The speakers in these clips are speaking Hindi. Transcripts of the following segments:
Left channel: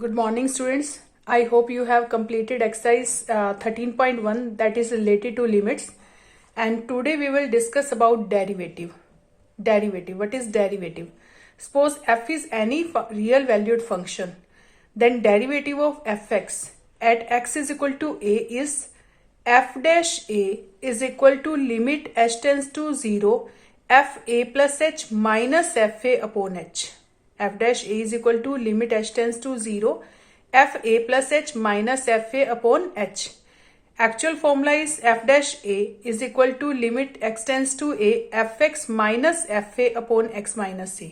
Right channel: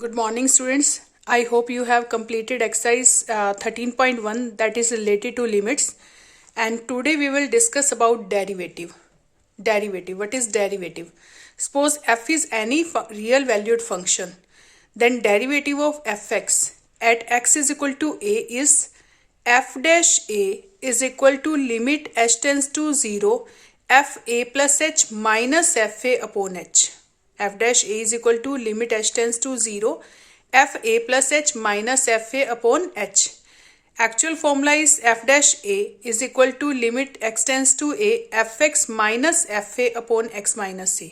Good morning, students. I hope you have completed exercise 13.1 that is related to limits. And today we will discuss about derivative. Derivative. What is derivative? Suppose f is any real valued function. Then derivative of fx at x is equal to a is f dash a is equal to limit h tends to 0 f a plus h minus f a upon h. F dash a is equal to limit h tends to 0 f a plus h minus f a upon h. Actual formula is f dash a is equal to limit x tends to a f x minus f a upon x minus a.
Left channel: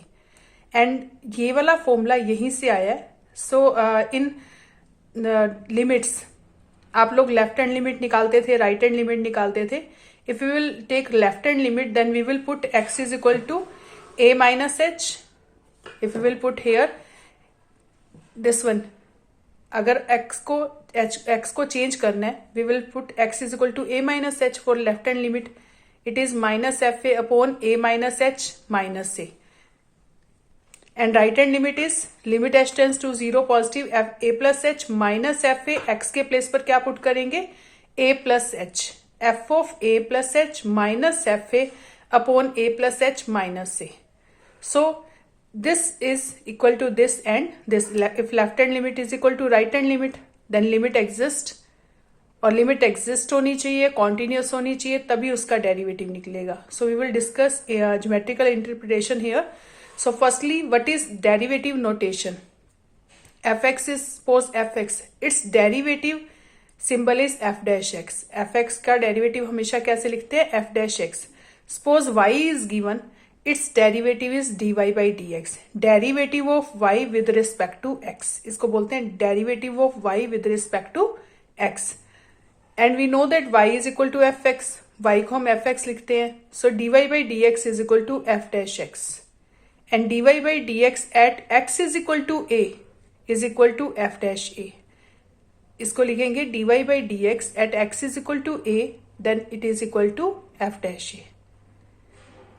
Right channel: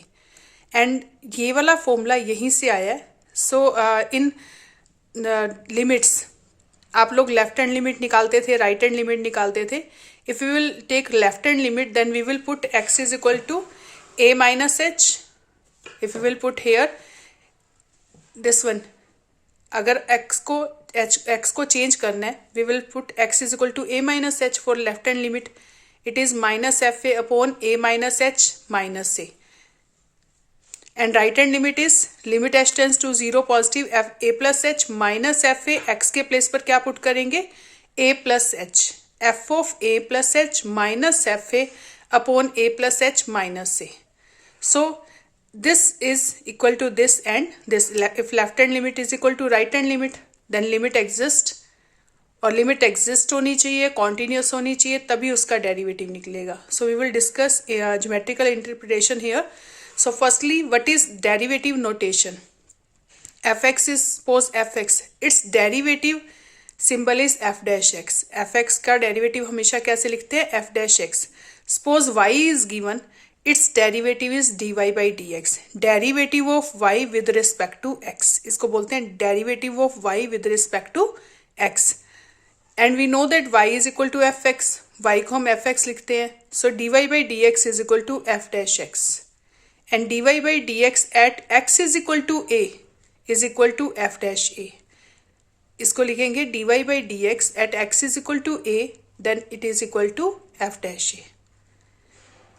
And ये वाला फॉर्मूला यहीं से आया है. सो इन लिमिट्स आप लोग लेफ्ट हैंड लिमिट निकालते थे, राइट हैंड लिमिट निकालते थे. If you will take left hand limit then we will put x is equal to a minus H. If you will put here this one, अगर x को चेंज करना है we will put x is equal to a minus H. For left hand limit it is minus F A upon a minus H minus A. And right hand limit is limit h tends to 0 positive f a plus h minus f a. x के प्लेस पर क्या पुट करेंगे? a plus h. f of a plus h minus f a upon a plus h minus a. So this is equal to this and this. If left hand limit is equal to right hand limit then limit exist, और लिमिट एग्जिस्ट होनी चाहिए, कॉन्टिन्यूस होनी चाहिए, तभी उसका डेरिवेटिव निकलेगा. So we will discuss geometrical interpretation here. So firstly, what is derivative notation? fx is, suppose fx, its derivative symbol is f dash x. fx का derivative हमेशा कैसे लिखते हैं? f dash x. Suppose y is given, its derivative is dy by dx. Derivative of y with respect to x. इसको बोलते हैं derivative of y with respect to x. And we know that y is equal to fx. y को हम fx लिखते हैं. So dy by dx is equal to f dash x. And dy by dx at x is equal to a is equal to f dash a. इसको लिखेंगे dy by dx at x is equal to a then it is equal to f dash a.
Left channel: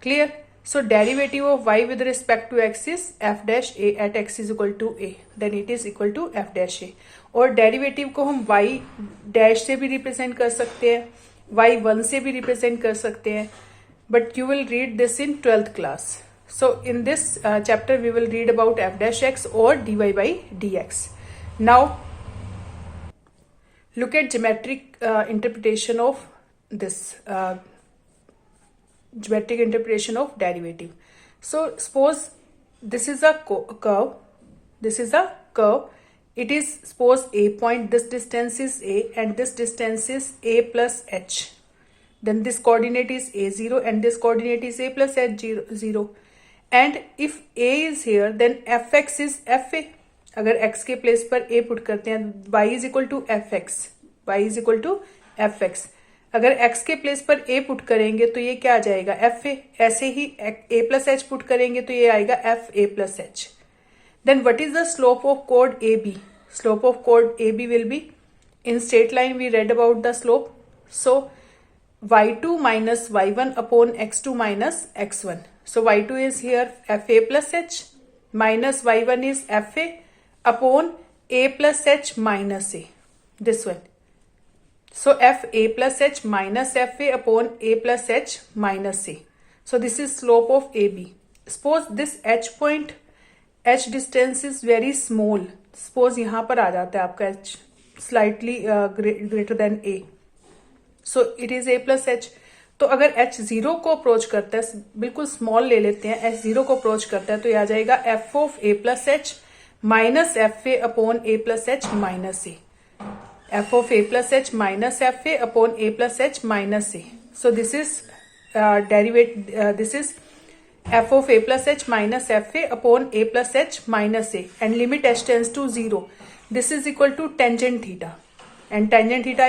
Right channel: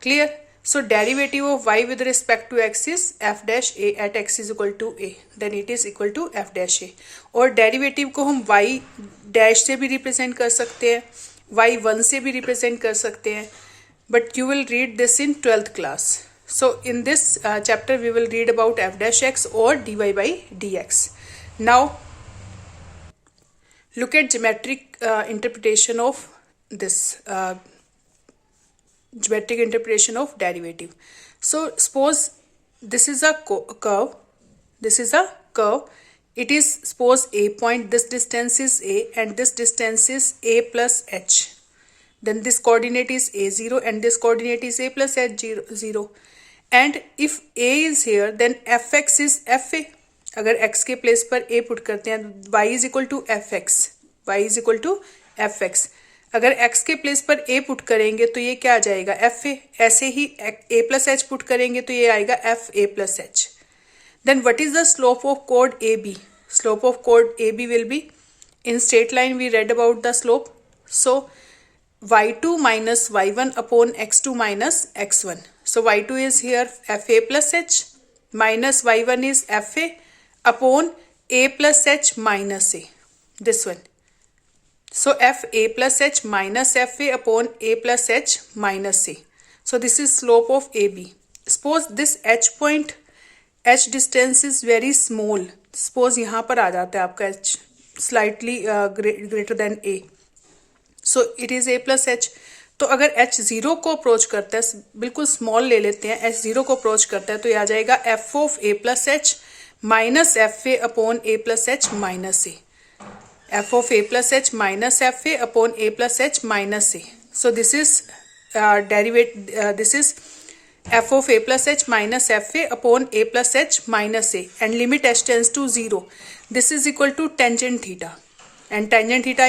Clear? So derivative of y with respect to x is f dash a at x is equal to a then it is equal to f dash a. और डेरिवेटिव को हम y डैश से भी रिप्रेजेंट कर सकते हैं, y1 से भी रिप्रेजेंट कर सकते हैं, but you will read this in 12th class. So in this chapter we will read about f dash x or dy by dx. Now look at geometric interpretation of this geometric interpretation of derivative. So suppose this is a curve. This is a curve. It is, suppose a point, this distance is a and this distance is a plus h. Then this coordinate is a0 and this coordinate is a plus h0. And if a is here then fx is fa. अगर x के प्लेस पर a पुट करते हैं y is equal to fx. y is equal to fx. अगर x के प्लेस पर a पुट करेंगे तो ये क्या आ जाएगा? fa. ऐसे ही a plus h पुट करेंगे तो ये आएगा fa plus h. Then what is the slope of chord AB? Slope of chord AB will be, in straight line we read about the slope. So y2 minus y1 upon x2 minus x1. So y2 is here fa plus h minus y1 is fa upon a plus h minus a. This one. So fa plus h minus fa upon a plus h minus a. So this is slope of AB. Suppose this h point, h distance is very small. Suppose यहाँ पर आ जाता है आपका h slightly greater than a. So it is a plus h. तो अगर h जीरो को अप्रोच करता है, बिल्कुल स्मॉल ले लेते हैं, h जीरो को अप्रोच करता है तो ये आ जाएगा f of a plus h minus F A upon A plus h minus A. f of a plus h minus f a upon a plus h minus a. So this is this is f of a plus h minus f a upon a plus h minus a and limit h tends to 0. This is equal to tangent theta, and tangent theta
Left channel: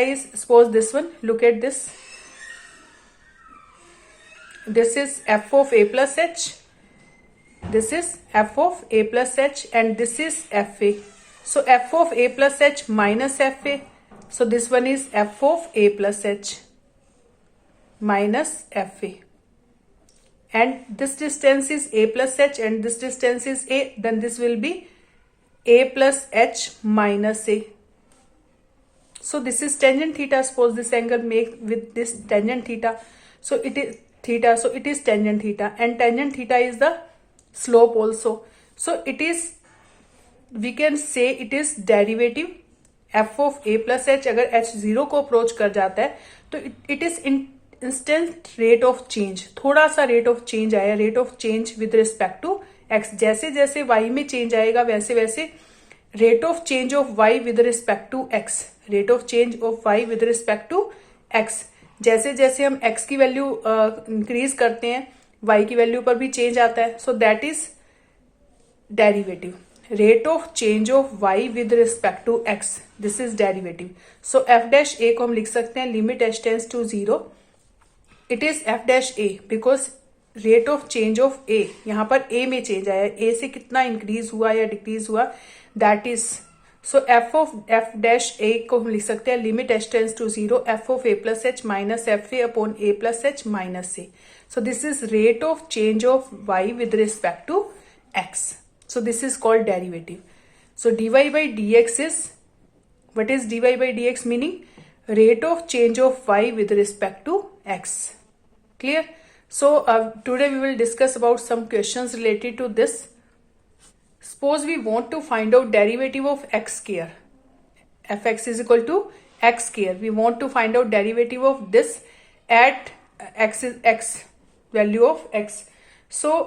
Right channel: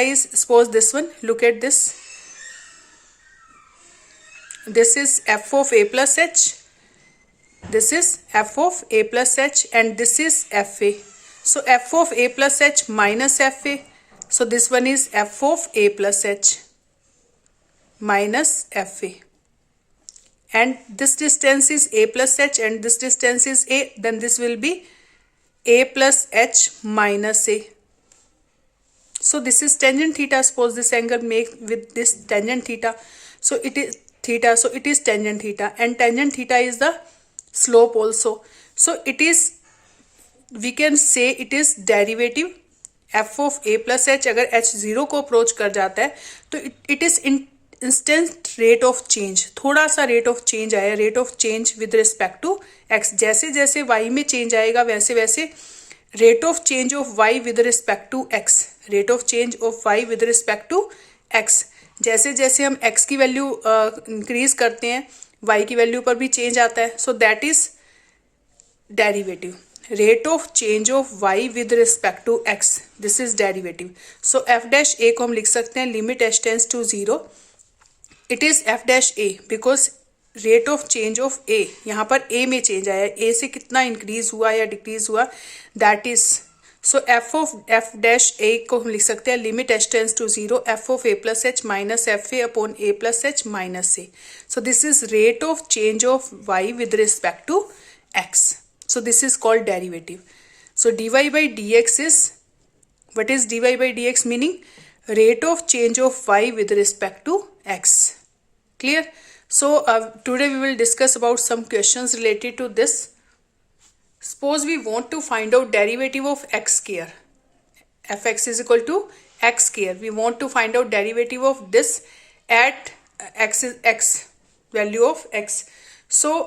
is, suppose this one, look at this. This is f of a plus h, this is f of a plus h and this is fa. So f of a plus h minus fa. So this one is f of a plus h minus fa. and this distance is a plus h and this distance is a, then this will be a plus h minus a. So this is tangent theta. Suppose this angle make with this tangent theta, so it is theta, so it is tangent theta, and tangent theta is the slope also. So it is, we can say it is derivative f of a plus h. अगर h 0 को अप्रोच कर जाता है तो it is instant rate of change, थोड़ा सा रेट ऑफ चेंज आया, rate of change with respect to x. जैसे जैसे y में चेंज आएगा वैसे वैसे rate of change of y with respect to x, rate of change of y with respect to x, जैसे जैसे हम x की वैल्यू इंक्रीज करते हैं y की वैल्यू पर भी चेंज आता है. So that is derivative, rate of change of y with respect to x, this is derivative. So f dash a को हम लिख सकते हैं limit h tends to 0, it is f dash a because rate of change of a, यहाँ पर a में चेंज आया, a से कितना इंक्रीज हुआ या डिक्रीज हुआ, that is. So f dash a को हम लिख सकते हैं limit h tends to 0 f of a plus h minus F A upon a plus h minus a. So this is rate of change of y with respect to x. So this is called derivative. So dy by dx is, what is dy by dx meaning? Rate of change of y with respect to x. Clear? So today we will discuss about some questions related to this. Suppose we want to find out derivative of x square. Fx is equal to x square. We want to find out derivative of this at x value of x. So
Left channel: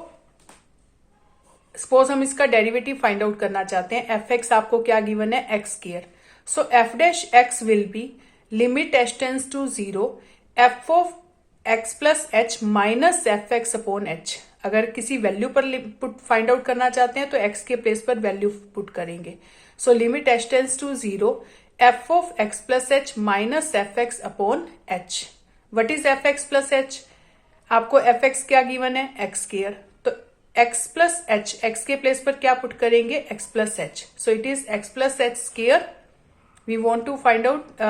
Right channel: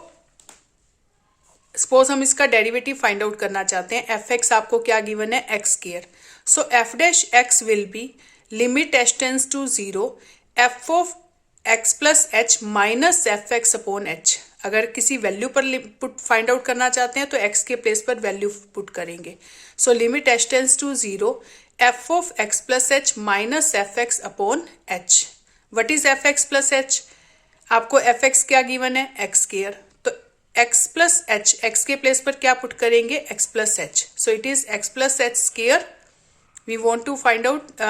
suppose हम इसका डेरिवेटिव फाइंड आउट करना चाहते हैं. एफ एक्स आपको क्या गिवन है, x square. So f dash x will be limit h tends to 0 f of x plus h minus f x upon h. अगर किसी वैल्यू पर पुट फाइंड आउट करना चाहते हैं तो एक्स के प्लेस पर वैल्यू पुट करेंगे. So limit h tends to 0 f of x plus h minus f x upon h. What is f x plus h? आपको एफ एक्स क्या गिवन है, x square. x plus h, x के प्लेस पर क्या पुट करेंगे, x plus H. So it is x plus h square. We want to find out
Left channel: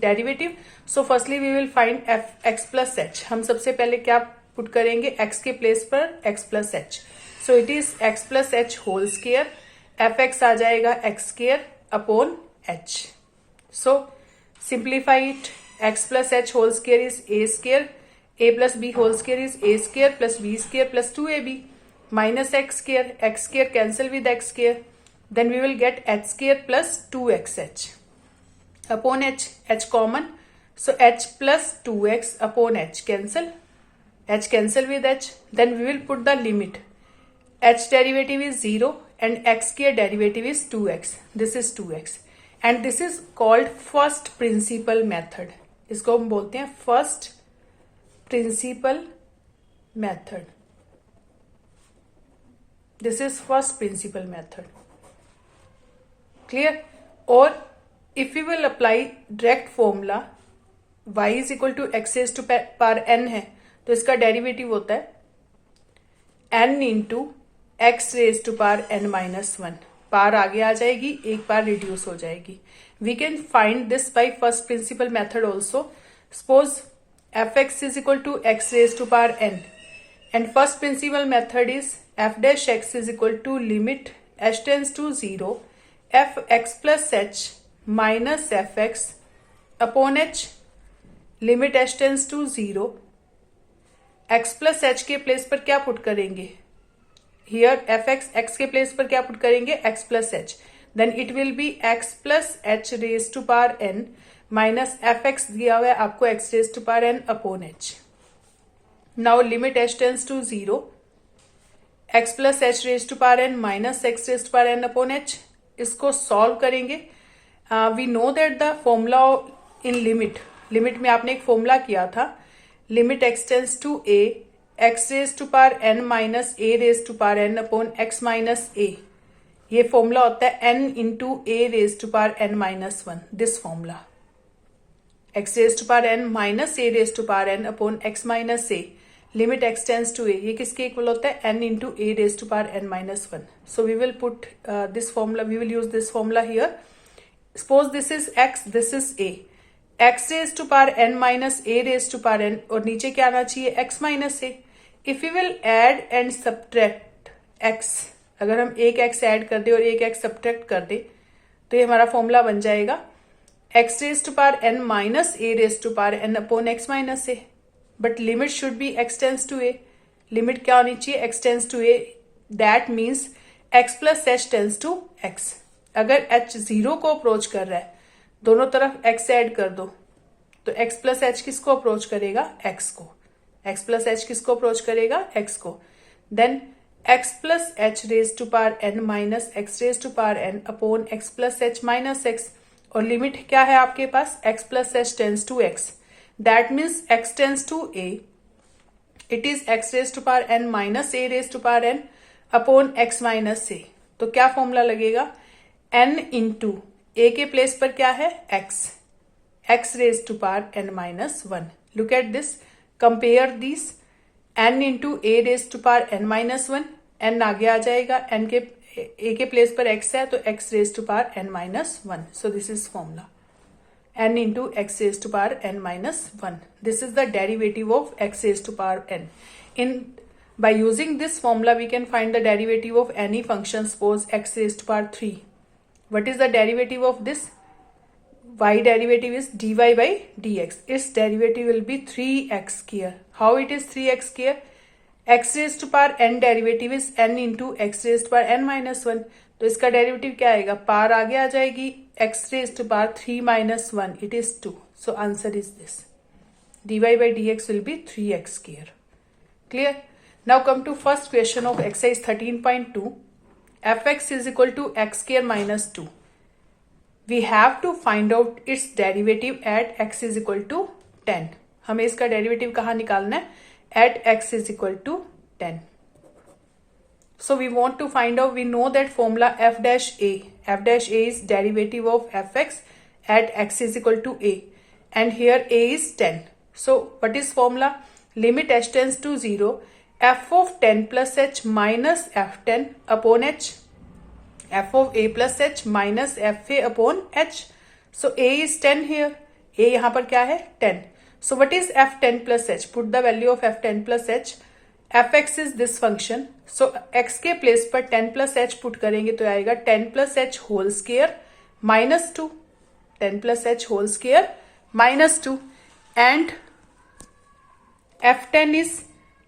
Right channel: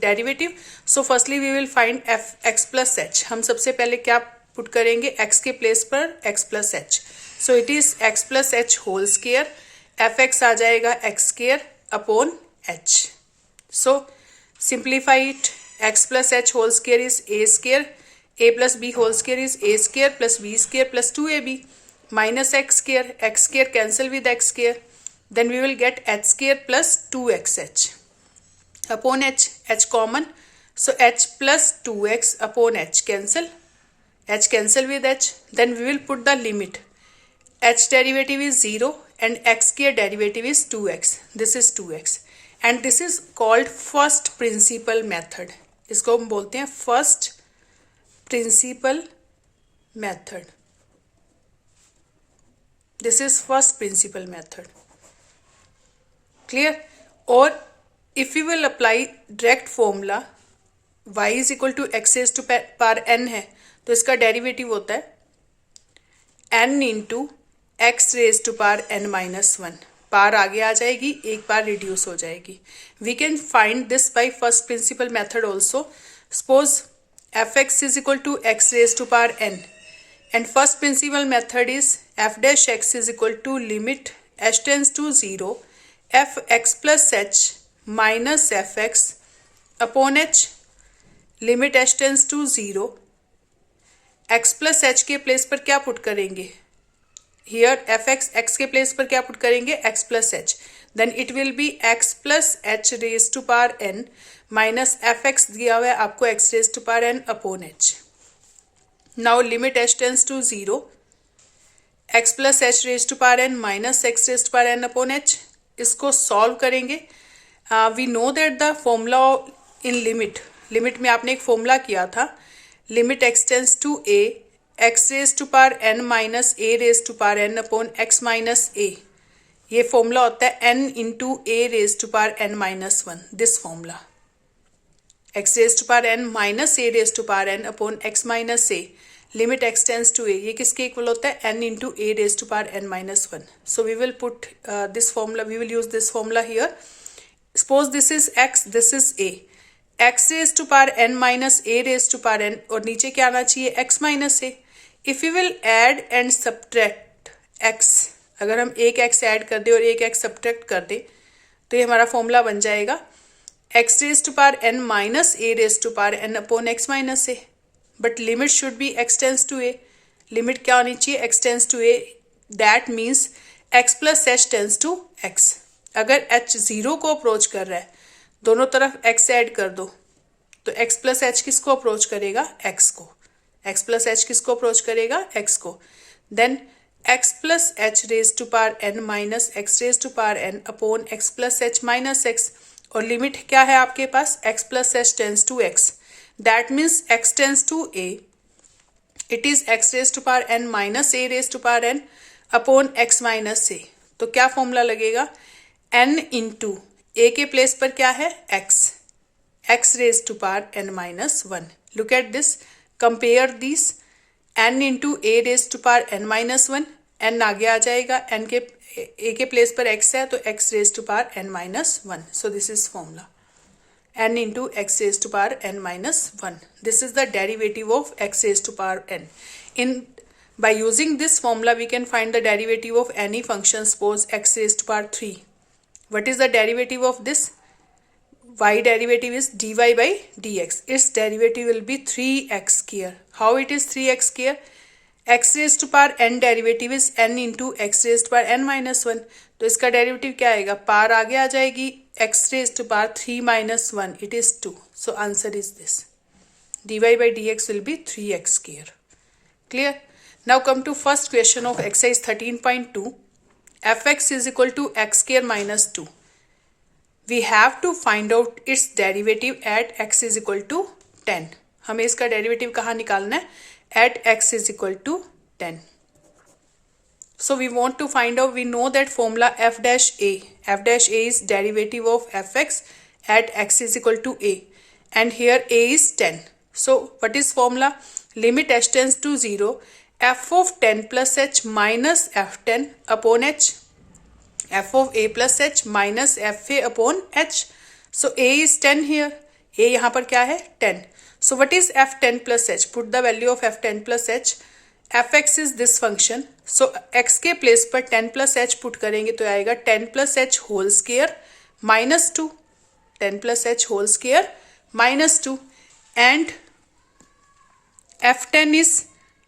derivative. So firstly we will find f x plus h. हम सबसे पहले क्या पुट करेंगे, x के प्लेस पर x plus H. So it is x plus H whole square. F X आ जाएगा x square upon H. So simplify it. x plus H whole square is a square, a plus b whole square is a square plus b square plus 2ab minus x square cancel with x square, then we will get h square plus 2xh upon h common, so h plus 2x upon h cancel with h, then we will put the limit. H derivative is 0 and x square derivative is 2x, this is 2x, and this is called first principle method. इसको हम बोलते हैं first principle method. This is first principle method. Clear? Or if we will apply direct formula y is equal to x raised to power n है तो इसका डेरिवेटिव होता है n into x raise to power n minus 1. Power आगे आ जाएगी, एक बार रिड्यूस हो जाएगी. We can find this by first principle method also. Suppose f x is equal to x raise to power n. And first principle method is f dash x is equal to limit h tends to 0 f x plus h minus f x upon h limit h tends to 0 x plus h के प्लेस पर क्या पुट करेंगे, here f x के प्लेस पर क्या पुट करेंगे, x plus h, then it will be x plus h raised to power n minus f x दिया हुआ है आपको x raised to power n upon h. Now limit h tends to 0 x plus h raised to power n minus x raised to power n upon h. इसको सॉल्व करेंगे. We know that the formula in limit में आपने एक फॉर्मूला किया था, limit x tends to a x raise to power n minus a raise to power n upon x minus a. ये फॉर्मूला होता है n into a raise to power n minus 1. This formula x raise to power n minus a raise to power n upon x minus a. Limit x tends to a, ये किसके इक्वल होता है, n into a raise to power n minus 1. So we will put this formula, we will use this formula here. Suppose this is x, this is a. x raise to power n minus a raise to power n, और नीचे क्या आना चाहिए, x minus a. If you will add and subtract x, अगर हम एक x ऐड कर दे और एक x सब्ट्रैक्ट कर दे तो ये हमारा फॉर्मूला बन जाएगा x raise to power n minus a raise to power n upon x minus a. But limit should be x tends to a. Limit क्या होनी चाहिए? x tends to a. That means x plus h tends to x. अगर h जीरो को अप्रोच कर रहा है, दोनों तरफ x ऐड कर दो तो x प्लस h किसको अप्रोच करेगा? x को. x प्लस h किसको अप्रोच करेगा? x को. Then x plus h raise to power n minus x raise to power n upon x plus h minus x. और लिमिट क्या है आपके पास? x plus h tends to x. That means x tends to a. It is x raise to power n minus a raise to power n upon x minus a. तो क्या फॉर्मूला लगेगा? n इंटू a के प्लेस पर क्या है? x raise to power n minus 1. Look at this, compare this. n into a raise to power n minus 1, n आगे आ जाएगा, n के a के प्लेस पर x है तो x raise to power n minus 1. So this is formula n into x raise to power n minus 1. This is the derivative of x raise to power n. In by using this formula we can find the derivative of any function. Suppose x raised to power 3. What is the derivative of this? Y derivative is dy by dx. Its derivative will be 3x square. How it is 3x square? x raised to power n derivative is n into x raised to power n minus 1. तो इसका डेरिवेटिव क्या आएगा? पावर आगे आ जाएगी, x raised to power 3 minus 1. It is 2. So answer is this. dy by dx will be 3x square. Clear? Now come to first question of exercise 13.2. fx is equal to x square minus 2. We have to find out its derivative at x is equal to 10. हमें इसका डेरिवेटिव कहाँ निकालना है? At x is equal to 10. So we want to find out, we know that formula f dash a. F dash a is derivative of fx at x is equal to a. And here a is 10. So what is formula? Limit h tends to 0. f of 10 plus h minus f10 upon h. f of a plus h minus fa upon h. So a is 10 here. a यहाँ पर क्या है? 10. So what is f10 plus h? Put the value of f10 plus h. fx is this function. So x के प्लेस पर 10 plus h पुट करेंगे तो आएगा 10 plus h whole square minus 2. 10 plus h whole square minus 2. And f10 is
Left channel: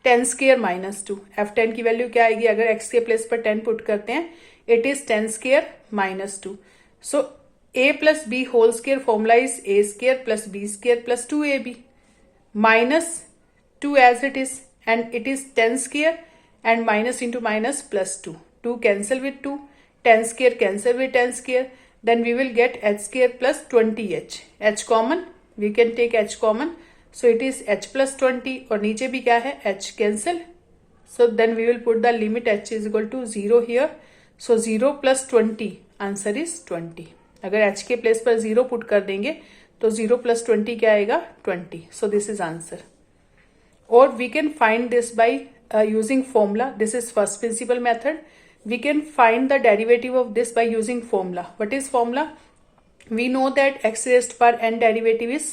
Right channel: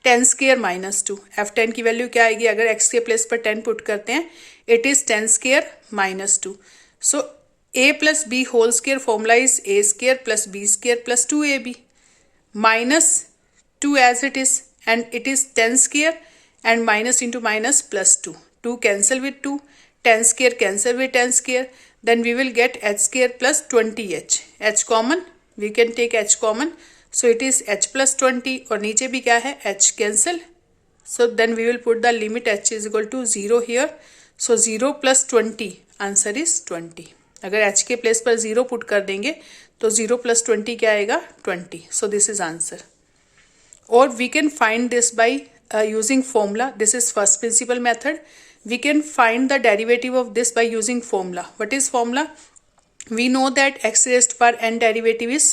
10 square minus 2. f10 की वैल्यू क्या आएगी? अगर x के प्लेस पर 10 पुट करते हैं, it is 10 square minus 2. So a plus b whole square formula is a square plus b square plus 2ab minus 2 as it is, and it is 10 square and minus into minus plus 2. 2 cancel with 2, 10 square cancel with 10 square. Then we will get h square plus 20h. h common, we can take h common. So it is h plus 20 और नीचे भी क्या है? h cancel. So then we will put the limit h is equal to 0 here. So 0 plus 20, answer is 20. अगर h के प्लेस पर 0 पुट कर देंगे तो 0 plus 20 क्या आएगा? 20. So this is answer. Or we can find this by using formula. This is first principle method. We can find the derivative of this by using formula. What is formula? We know that x raised to power n derivative is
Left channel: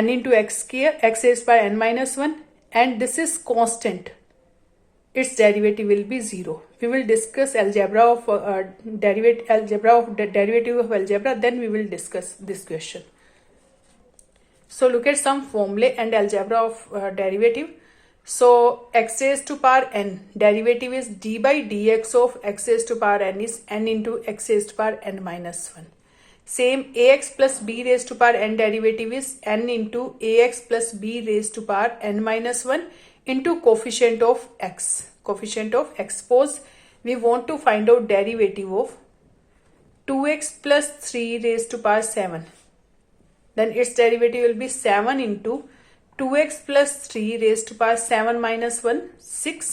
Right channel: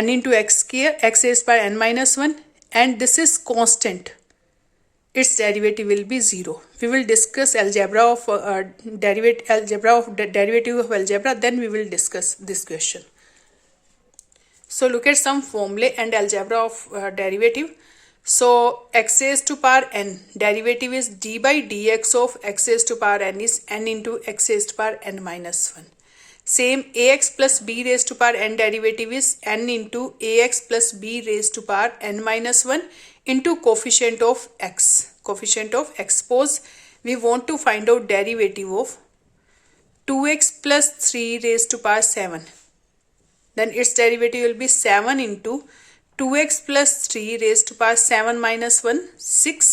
n into x square, x raised by n minus 1, and this is constant. Its derivative will be 0. We will discuss algebra of derivative of algebra, then we will discuss this question. So look at some formulae and algebra of derivative. So x raised to power n, derivative is d by dx of x raised to power n is n into x raised to power n minus 1. Same ax plus b raised to power n derivative is n into ax plus b raised to power n minus 1 into coefficient of x. Coefficient of x. Suppose we want to find out derivative of 2x plus 3 raised to power 7. Then its derivative will be 7 into 2x plus 3 raised to power 7 minus 1, 6.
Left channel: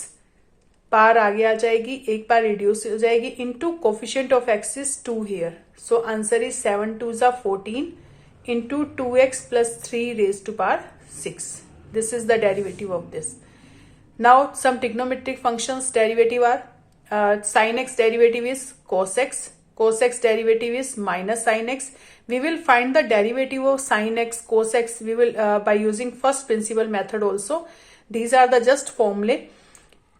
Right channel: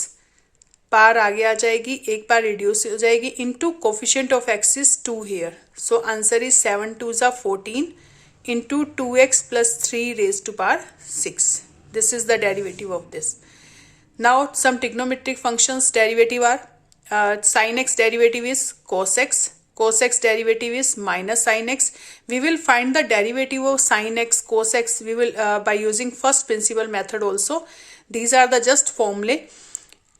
पार आगे आ जाएगी, एक बार रिड्यूस हो जाएगी, into coefficient of x is 2 here. So answer is 7 2s are 14 into 2x plus 3 raised to power 6. This is the derivative of this. Now some trigonometric functions derivative are sin x derivative is cos x. Cos x derivative is minus sin x. We will find the derivative of sin x, cos x. We will by using first principle method also. These are the just formulae.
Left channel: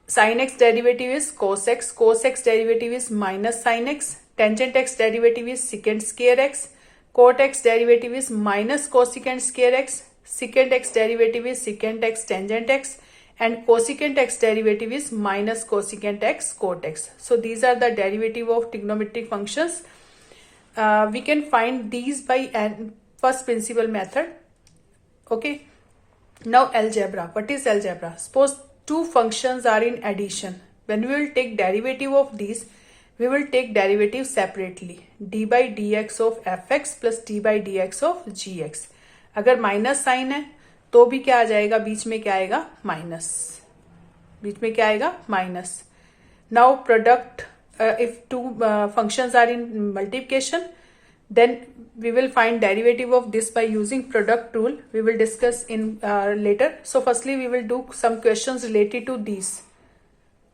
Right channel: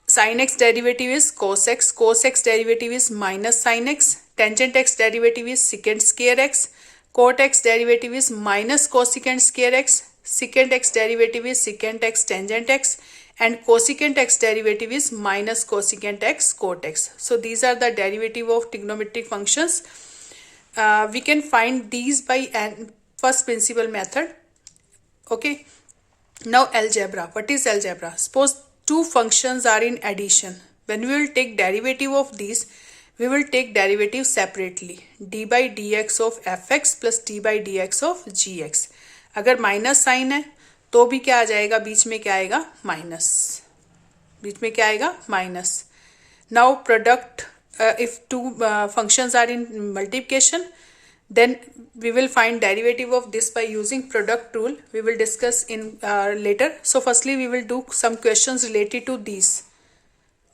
Sin x derivative is cos x derivative is minus sin x, tangent x derivative is secant square x, cot x derivative is minus cosecant square x, secant x derivative is secant x tangent x, and cosecant x derivative is minus cosecant x cot x. So these are the derivative of trigonometric functions. We can find these by first principle method. Okay. Now algebra. What is algebra? Suppose two functions are in addition. When we will take derivative of these, we will take derivative separately. d by dx of fx plus d by dx of gx. अगर माइनस साइन है तो भी क्या आ जाएगा, बीच में क्या आएगा, माइनस. बीच में क्या आएगा, minus. Now product, if two functions are in multiplication, then we will find derivative of this by using product rule. We will discuss in later. So firstly we will do some questions related to these.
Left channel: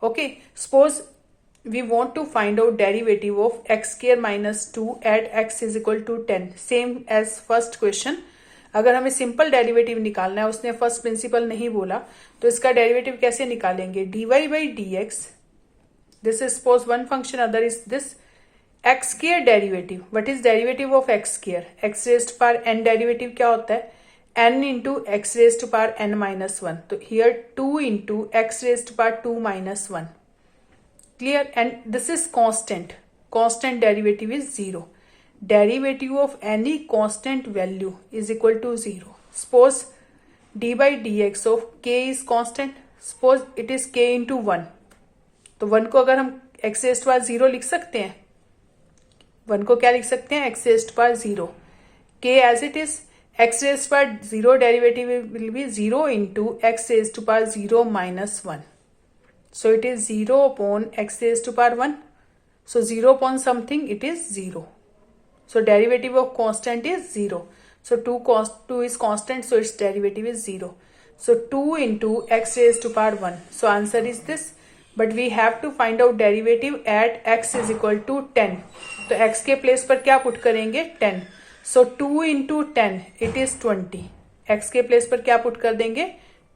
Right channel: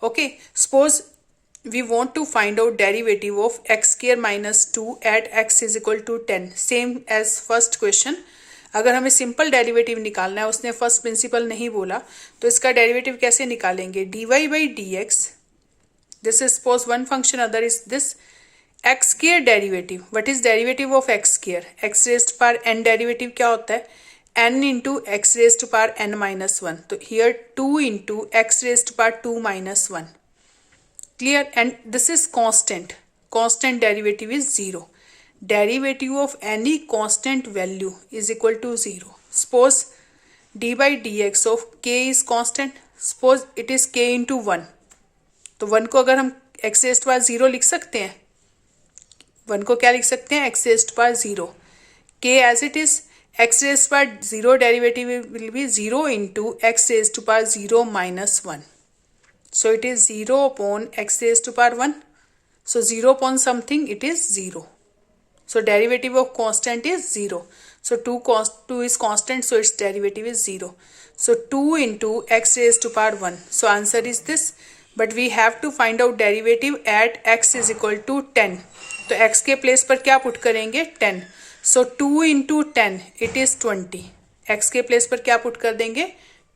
Okay, suppose we want to find out derivative of x square minus 2 at x is equal to 10. Same as first question. अगर हमें सिंपल डेरिवेटिव निकालना है, उसने फर्स्ट प्रिंसिपल नहीं बोला, तो इसका डेरिवेटिव कैसे निकालेंगे, dy by dx. This is suppose one function, other is this x square derivative. What is derivative of x square? x raised to power n derivative क्या होता है, n into x raised to power n minus 1. तो here 2 into x raised to power 2 minus 1. Clear? And this is constant. Constant derivative is 0. Derivative of any constant value is equal to 0. Suppose d by dx of k is constant. Suppose it is k into 1. तो 1 को अगर हम x raised to power 0 लिख सकते हैं, 1 को क्या लिख सकते हैं, x raised to power 0. k as it is, x raised to power 0 derivative will be 0 into x raised to power 0 minus 1. So it is 0 upon x raised to power 1. So 0 upon something, it is 0. So derivative of constant is 0. So 2 is constant, so its derivative is 0. So 2 into x raised to power 1. So answer is this. But we have to find out derivative at x is equal to 10. तो x के प्लेस पर क्या पुट करेंगे, 10. So 2 into 10, it is 20. x के प्लेस पर क्या पुट कर देंगे,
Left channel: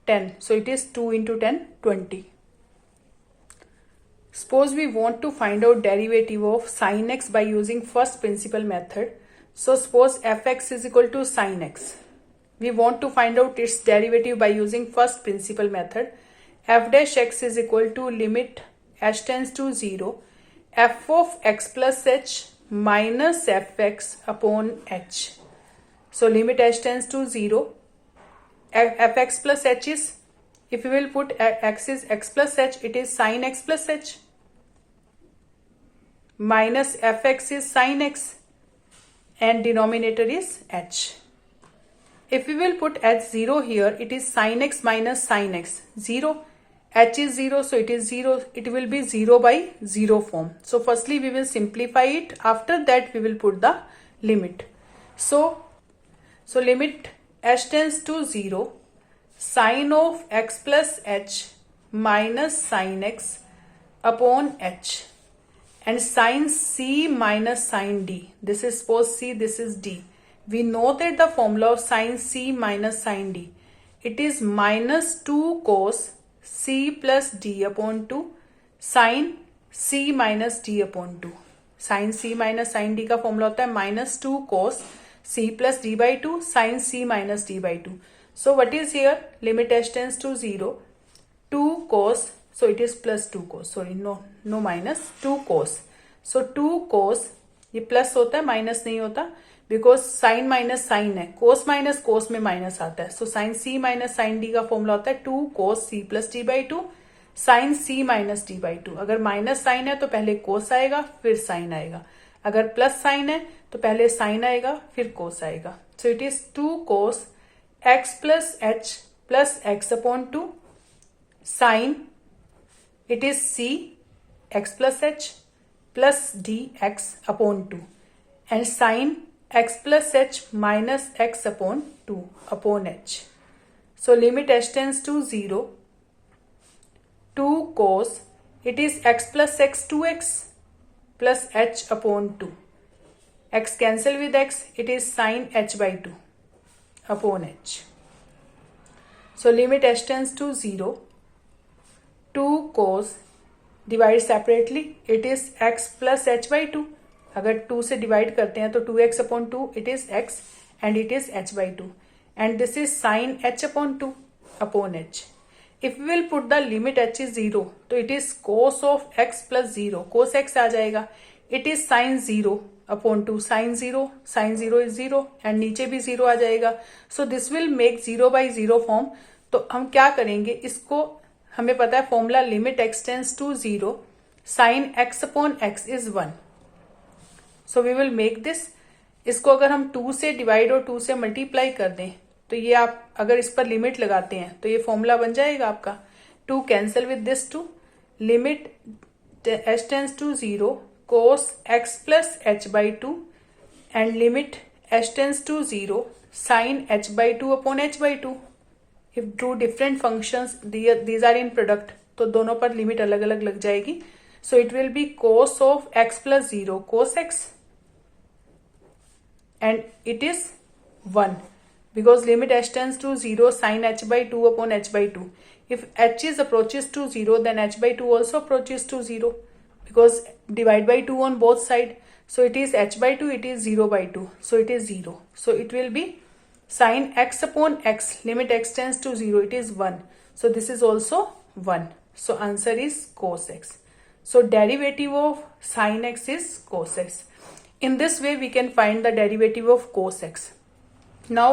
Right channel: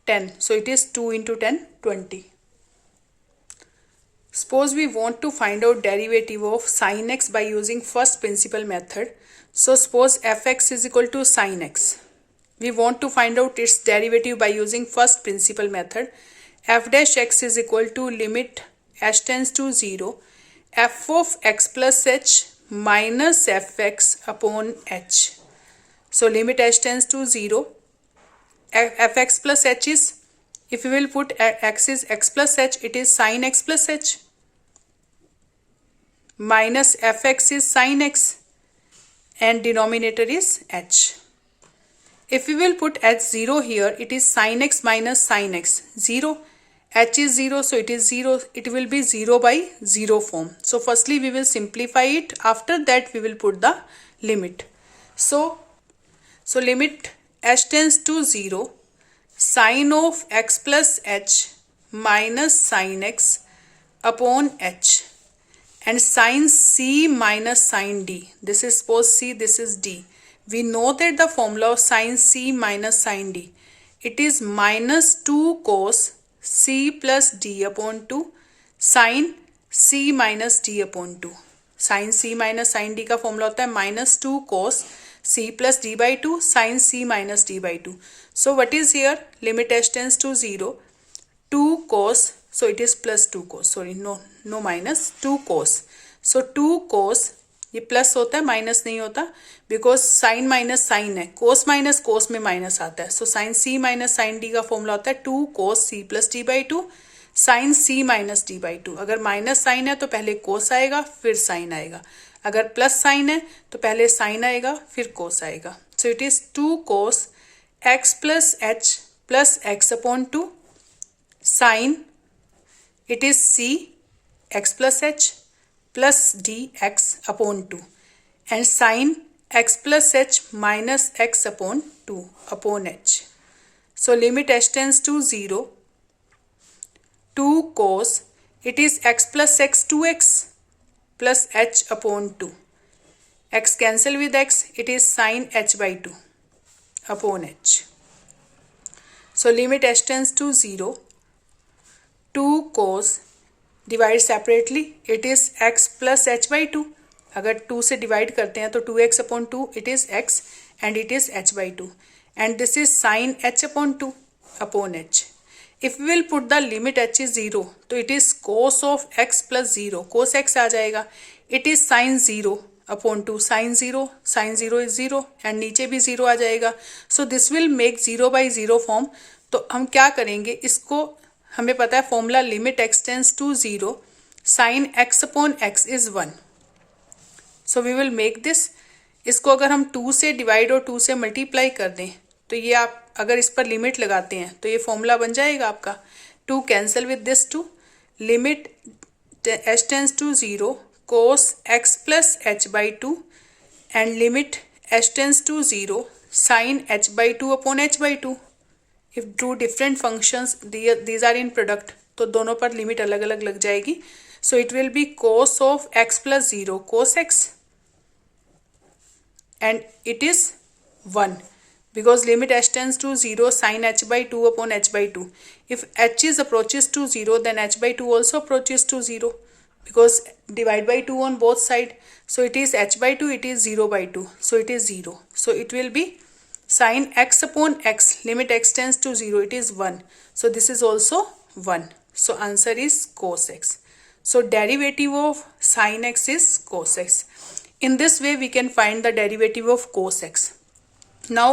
10. So it is 2 into 10, 20. Suppose we want to find out derivative of sin x by using first principle method. So suppose fx is equal to sin x. We want to find out its derivative by using first principle method. F dash x is equal to limit h tends to 0 f of x plus h minus fx upon h. So limit h tends to 0, fx plus h is, if we will put x is x plus h, it is sin x plus h, minus fx is sin x, and denominator is h. If we will put h0 here, it is sin x minus sin x, 0. h is 0, so it is 0. It will be 0 by 0 form. So firstly we will simplify it. After that we will put the limit. So limit h tends to 0, sin of x plus h minus sin x upon h, and sin c minus sin d. This is suppose c, this is d. We know that the formula of sin c minus sin d, it is minus 2 cos c plus d upon 2 sin c minus d upon 2. sin c minus sin d का फॉर्मूला होता है minus 2 cos c plus d by 2 sin c minus d by 2. So what is here? Limit h tends to 0, 2 cos, so it is plus 2 cos, sorry, no minus, 2 cos. So 2 cos, ये प्लस होता है, माइनस नहीं होता, बिकॉज साइन माइनस साइन है, कोस माइनस कोस में माइनस आता है. So sine C minus sine D का फॉर्मूला होता है 2 cos C plus D by 2 sine C minus D by 2. अगर माइनस साइन है तो पहले कोस आएगा फिर साइन आएगा, अगर प्लस साइन है तो पहले साइन आएगा फिर कोस आएगा. So it is 2 cos x plus h plus x upon 2 sine, it is c x plus h plus dx upon 2 and sin x plus h minus x upon 2 upon h. So limit h tends to 0, 2 cos, it is x plus x 2x plus h upon 2. X cancel with x, it is sin h by 2 upon h. So limit h tends to 0, 2 cos divide separately it is x plus h by two. अगर 2 से डिवाइड करते हैं तो 2x upon 2 it is x and it is h by two and this is sine h upon 2 upon h. If we will put the limit h is 0 तो it is cos of x plus 0, cos x आ जाएगा. It is sine 0 upon 2, sine 0 is 0 and नीचे भी 0 आ जाएगा. So this will make 0 by 0 form. तो हम क्या करेंगे, इसको हमें पता है formula limit x tends to 0 sine x upon x is 1. So we will make this. इसको अगर हम 2 से डिवाइड और 2 से मल्टीप्लाई कर दें तो ये आप अगर इस पर लिमिट लगाते हैं तो ये फॉर्मूला बन जाएगा आपका. 2 cancel with this 2. Limit h tends to 0 cos x plus h by 2 and limit h tends to 0 sine h by 2 upon h by 2. If two different functions these are in product तो दोनों पर लिमिट अलग अलग लग जाएगी. So it will be cos of x plus 0 cos x and it is 1 because limit h tends to 0 sin h by 2 upon h by 2. If h is approaches to 0 then h by 2 also approaches to 0 because divide by 2 on both side. So it is h by 2, it is 0 by 2. So it is 0. So it will be sin x upon x, limit x tends to 0, it is 1. So this is also 1. So answer is cos x. So derivative of sin x is cos x. In this way we can find the derivative of cos x. Now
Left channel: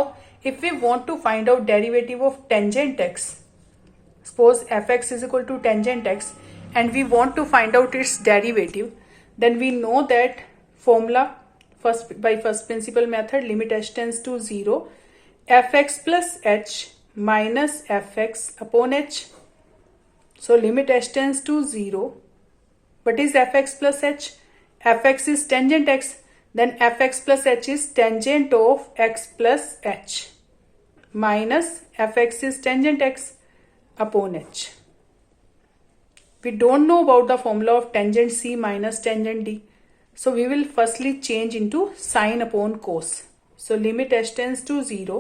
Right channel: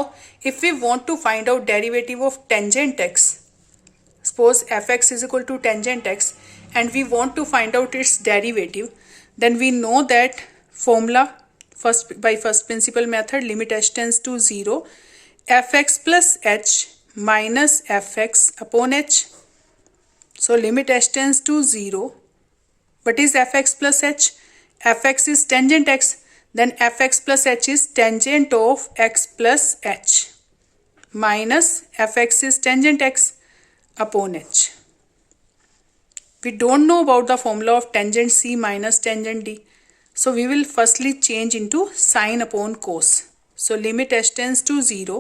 if we want to find out derivative of tangent x, suppose fx is equal to tangent x and we want to find out its derivative, then we know that formula by first principle method limit h tends to 0 fx plus h minus fx upon h. So limit h tends to 0. What is fx plus h? Fx is tangent x. Then fx plus h is tangent of x plus h minus fx is tangent x upon h. We don't know about the formula of tangent c minus tangent d. So we will firstly change into sin upon cos. So limit h tends to 0.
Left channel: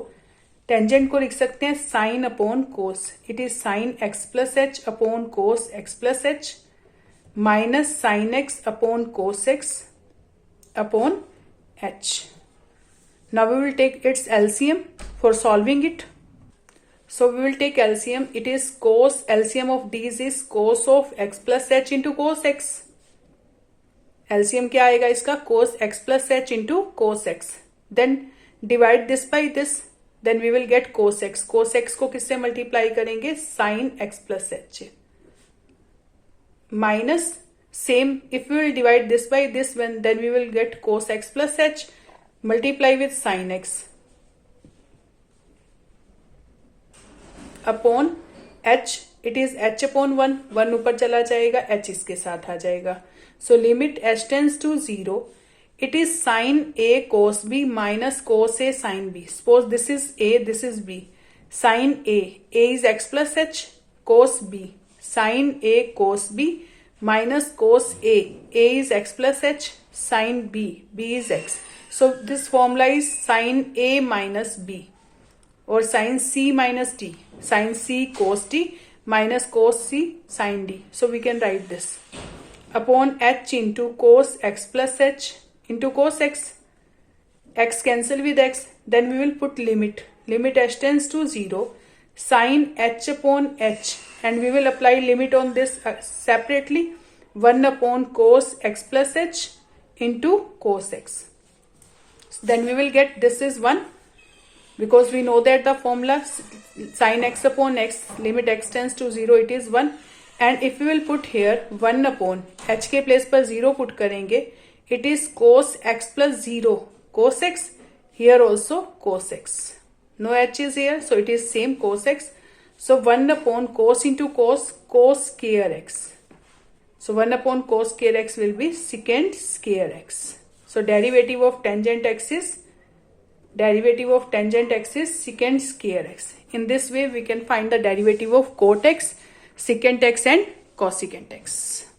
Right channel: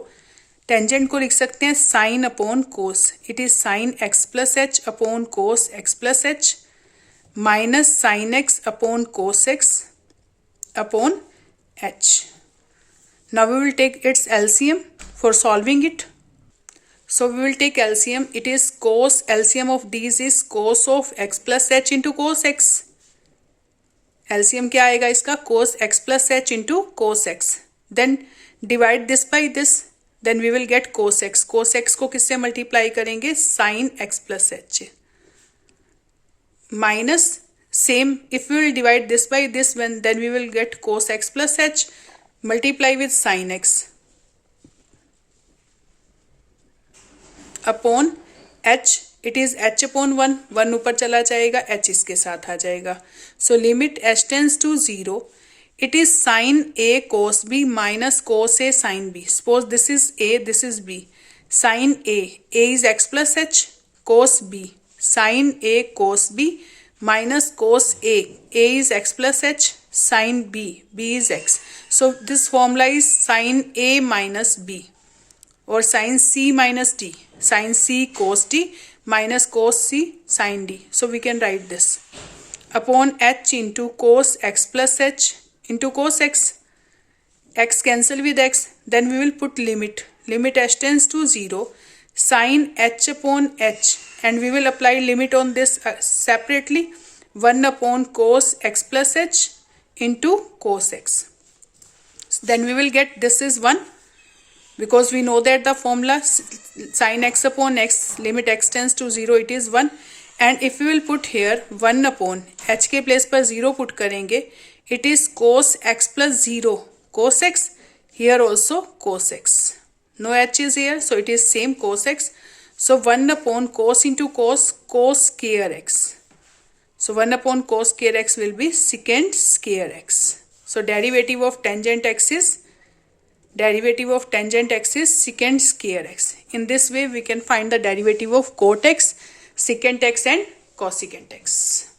Tangent को लिख सकते हैं sin upon cos. It is sin x plus h upon cos x plus h minus sin x upon cos x upon h. Now we will take its LCM for solving it. So we will take LCM. It is cos, LCM of these is cos of x plus h into cos x. LCM क्या आएगा इसका? cos x plus h into cos x. Then divide this by this. Then we will get cos x. Cos x को किससे मल्टीप्लाई करेंगे? sin x plus h. Minus same, if we will divide this by this, then we will get cos x plus h, multiply with sin x upon h. It is h upon 1, 1 ऊपर चला जाएगा, h इसके साथ आ जाएगा. So limit h tends to 0. It is sin a cos b minus cos a sin b. Suppose this is a, this is b. Sin a is x plus h, cos b, sin a cos b minus cos a is x plus h, sin b is x. So this formula is sin a minus b or sin c minus d, sin c cos d minus cos c sin d. So we can write this upon h into cos x plus h into cos x. X cancel with x, then we will put limit h tends to 0 sin h upon h and we will apply limit on this separately 1 upon cos x plus h into cos x. Then we will get this is 1 because we know that the formula sin x upon x limit x tends to 0 it is 1 and if we will put here 1 upon h के place पर 0 put करेंगे it is cos x plus 0 cos x, here also cos x. No h is here so it is same cos x. So 1 upon cos into cos square x. So 1 upon cos square x will be secant square x. So derivative of tangent x is secant square x. In this way we can find the derivative of cot x, secant x and cosecant x.